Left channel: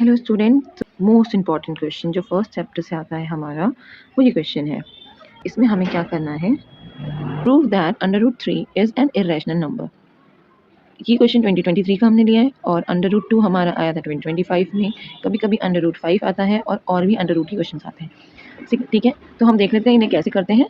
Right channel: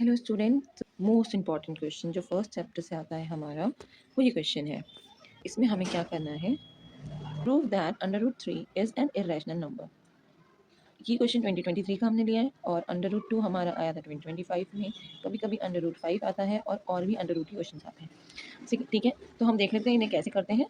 Hello student, most important question जो first chapter से आता है हमारा, वो ये क्वेश्चन है। इसमें हमें क्या करना है, prove that √3 is an irrational number. ये क्वेश्चन 2023 का हमने लिया है और √2 हमारा आया था 2025 में। कभी कभी √5 आता है और भी √2 के क्वेश्चन आते हैं। ठीक है, तो हम देख लेते हैं इन्हें कैसे करते हैं।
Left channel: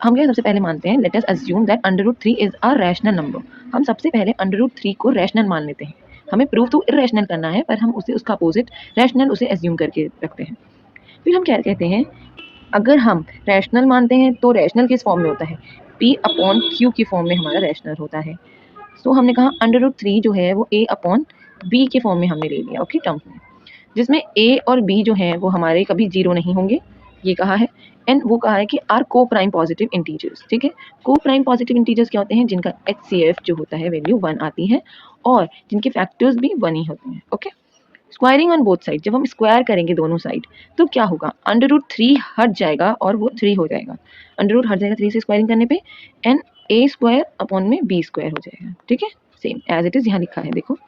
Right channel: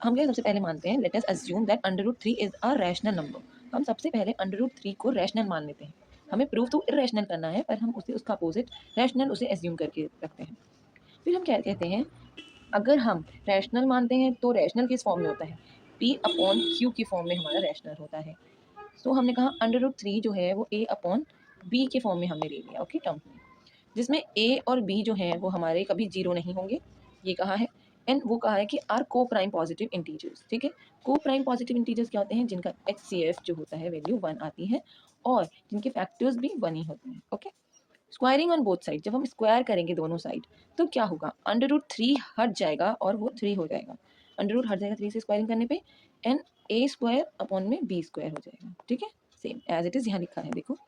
हम क्या सबसे पहले मानते हैं, let us assume that √3 is a rational number. हम सबसे पहले √3 को रैशनल मान लेते हैं। हमें प्रूव तो इरेशनल करना है, पर हम उसे उसका अपोजिट रैशनल उसे एज्यूम करके रखते हैं। फिर हम क्या कहते हैं, अगर हम रैशनल मानते हैं तो रैशनल किस फॉर्म में होता है, P/Q की फॉर्म में हमारा रैशनल होता है। तो हमने कहा √3 जो है वो A/B के फॉर्म में हमने ले लिया, ओके, टर्म्स में, जिसमें A और B जो हैं वो हमारे कभी जीरो नहीं होंगे, ये कहा है। एंड वो कहा है कि आर को प्राइम पॉजिटिव इंटीजर्स। ठीक है, को प्राइम पॉजिटिव इंटीजर्स क्या होते हैं, जिनका HCF जो होता है वैल्यू 1 आती है और जिनके फैक्टर्स भी 1 ही होते हैं। Okay, squaring on both side, जब हम स्क्वायर करेंगे दोनों साइड तो क्या होगा, √3 हट जाएगा और वो 3 हो जाएगा। √ हट जाएगा 3 से स्क्वायरिंग करने पे, एंड A² / B² हो जाएगा। ठीक है, सेम एज इट इज यहाँ लिखा है, देखो।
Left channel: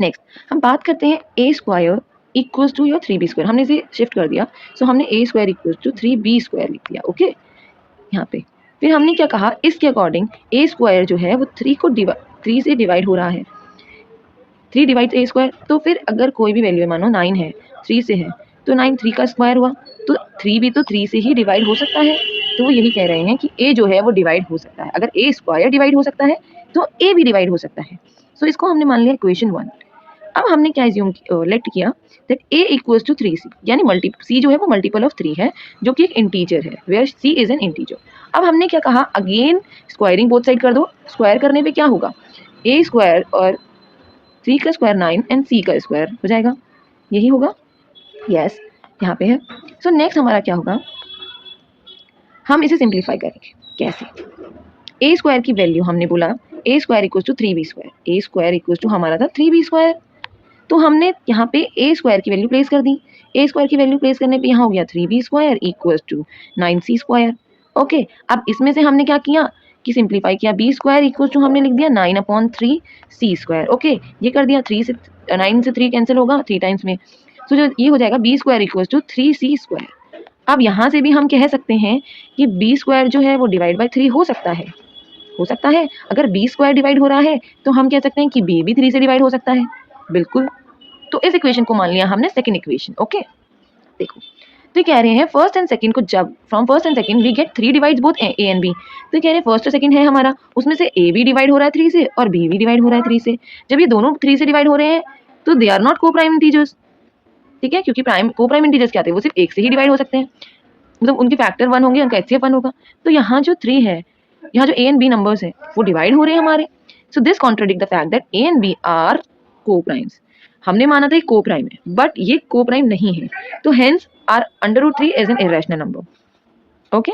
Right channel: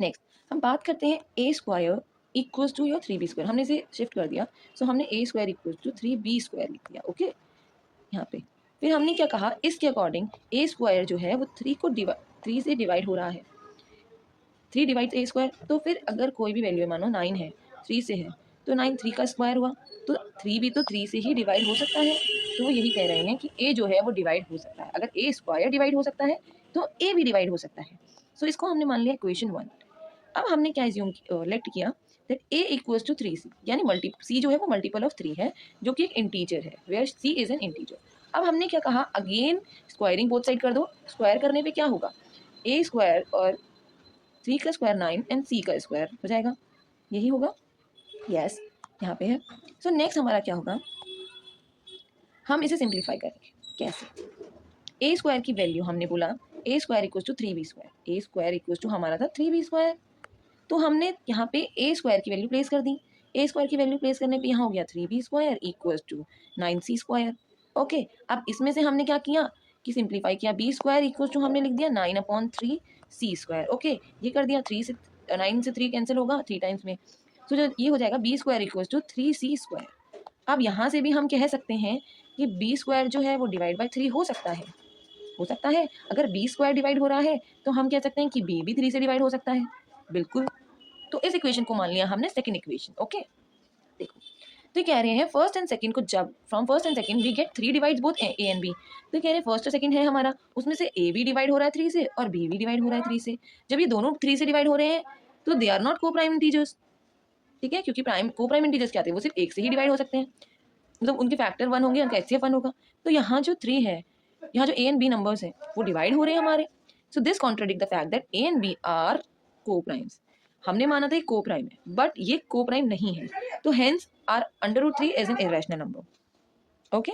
नेक्स्ट हम बात करते हैं A² equals to your 3B²। हमने इसे शिफ्ट कर दिया, सो हमने A² इक्वल्स टू 3B² लिख दिया। ओके, यहाँ पे फिर हमने क्या कहा, इसके अकॉर्डिंग A² जो है वो 3 से डिवाइड हो रहा है। 3 डिवाइड A², तो फिर अगर कोई भी वैल्यू है, मानो 9 है, 3 से है, तो 9 3 का स्क्वायर हुआ, तो 3 भी तो 3 से ही डिवाइड हो सकता है। तो वो यही कह रहे हैं कि A जो है वो डिवाइड हो सकता है। अगर A² डिवाइड हो सकता है तो A भी डिवाइड हो सकता है। सो इसको हमने मान लिया इक्वेशन 1। अब हमने क्या एज्यूम लेट किया that A equals to 3C, यानी C जो है वो मल्टीपल ऑफ 3 है, जो कि एक इंटीजर है, where C is an integer. अब हमने क्या कहा, अगेन स्क्वायरिंग बोथ साइड कर दो। स्क्वायर करने पे क्या होगा, A² और 3 का स्क्वायर 9 एंड C का स्क्वायर हो जाएगा, यही होगा। यस, यहाँ पे है। सो नेक्स्ट हमारा क्या होगा, हम इसे सिंप्लीफाई करेंगे। कैसे, A² की वैल्यू हमने बोला A² equals to 3B²। A² equals to हमारा था 3B², तो हमने यहाँ पे A² की वैल्यू प्लेस कर दी। A² की वैल्यू प्लेस करने पे यहाँ हो गया 3B² equals to 9C²। Okay, अब इसमें से हमने क्या किया कि सिंप्लीफाई किया, B² इक्वल्स टू हमने लिख दिया 9/3C²। ओके, ये कर दिया, 9 से 3 कैंसिल होगा 3 टाइम्स में, तो जो ये हो जाएगा B² इक्वल्स टू 3C²। अब यहाँ से भी हम कह सकते हैं कि B² जो है वो डिवाइड बाई 3 हो सकता है, हो सकता है। अगर B² डिवाइड हो रहा है तो हम कह सकते हैं कि B भी 3 से डिवाइड हो सकता है, बिल्कुल। तो इस इक्वेशन को मान लिया हमने सेकंड इक्वेशन। ओके, देखो, तो कह रहे हैं फर्स्ट एंड सेकंड को, जब from first and second we get 3 divides both A and B। तो कह रहे हैं फर्स्ट और सेकंड है हमारा, उसमें से A भी डिवाइड हो रहा है 3 से और B भी डिवाइड हो रहा है 3 से। जब ये दोनों 3 से डिवाइड हो रहे हैं तो दे आर नॉट को प्राइम इंटीजर्स। ठीक है, क्योंकि को प्राइम इंटीजर्स क्या थे, वो सिर्फ एक से ही डिवाइड हो सकते हैं, मतलब उनके फैक्टर 1 होंगे, उनका HCF 1 होगा। तो यहाँ जो 3 है, यहाँ जो A एंड B नंबर्स है वो डिवाइड हो रहे हैं हमारे। So this contradict the fact that A and B are coprimes. हमने माना था को प्राइम है, बट ये को प्राइम नहीं है, तो hence are √3 is an irrational number. Okay.